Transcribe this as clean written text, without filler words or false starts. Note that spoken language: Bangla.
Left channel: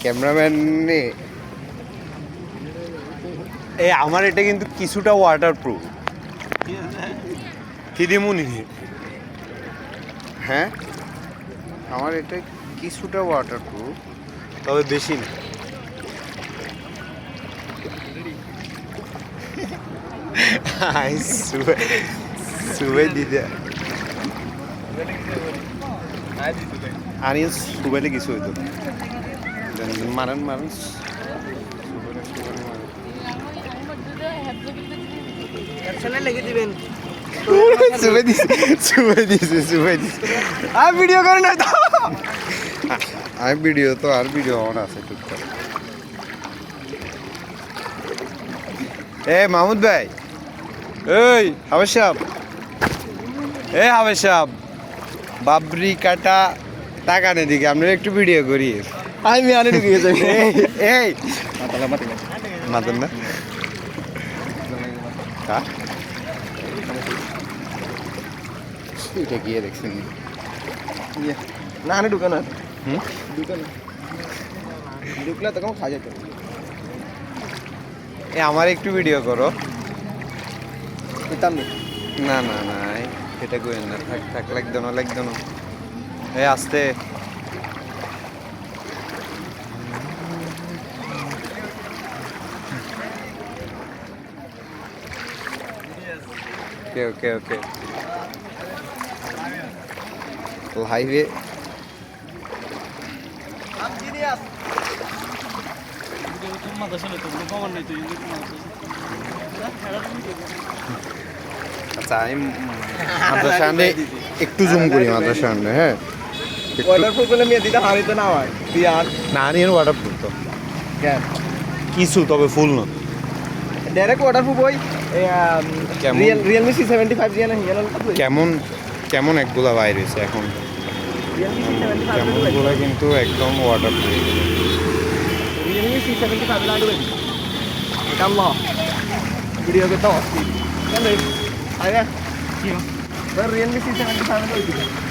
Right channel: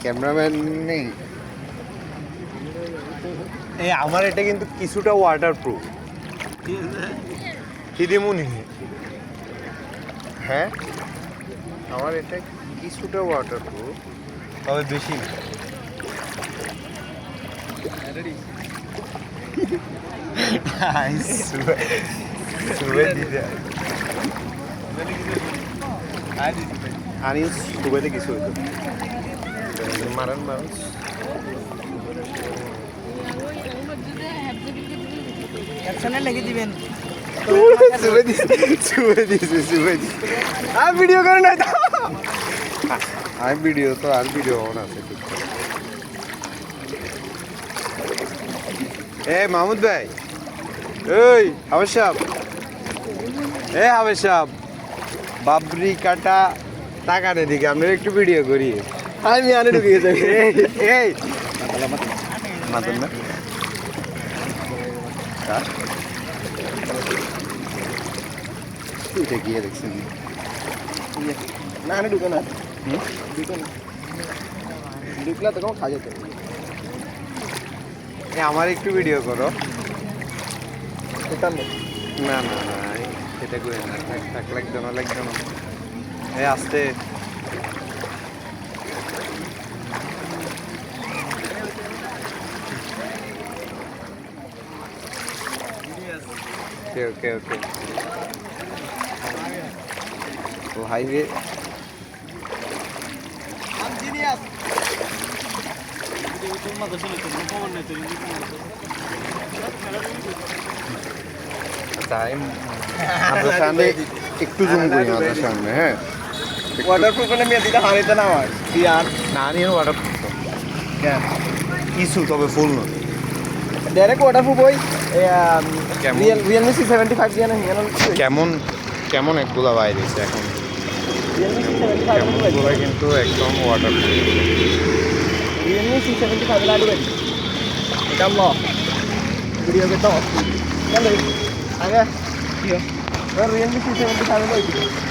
ক্যামেরাম্যান নে এই আমার এটা কিন্তু কিছুটা ওয়াটারপ্রুফ হিদিমুনি হ্যাঁ আমার এটা কিছুটা ওয়াটারপ্রুফ তবে বেশি না সুবে দিদা আনিস দুবাইতে কিছু হইতো মারান মানুষ লেগে দিবেন ভিডিও করে না আমি ভিডিও তো আর ভিডিও অন আছে এ মাহমুদ ভাই এই হাবেশ সাহেব হাবেশ সাহেব বাবরি কাটা টাকা নেই দিকে আপনারা একটু ভিডিও করি আমি আনে ঢুকে গেছি এই মাতেন না এটা গিয়ে দেখছেন না আনে ঢুকে না ঢুকে না ঢুকলে তো কেমন খাওয়া যেত আমার একটু ভিডিও করো পেতাম না না না এটা করে না একদম একদম এই আসতে ওকে ওকে ওকে হাইওয়ে সামনে একটু জুম করি আমাদের সামনে হ্যাঁ ওয়াটারপ্রুফ বলে মেয়ে দিতে হারিতে না হয় দিয়ান না নিয়ে ওয়াটারপ্রুফ কিছু তবে ফুল না ডাইরেক্ট ওয়াটারপ্রুফ ওই রিয়েলমি C75 দিয়ে না কেমন কেমন একগুলা বাইর হয়েছে এখন রিয়েলমি C75 এগুলা কিন্তু একদম ওয়াটারপ্রুফ রিয়েলমি C75 লাডু ভাই কাম লো ভিডিও কে তো কেন আরে কি রিয়েলমি C75 লাডু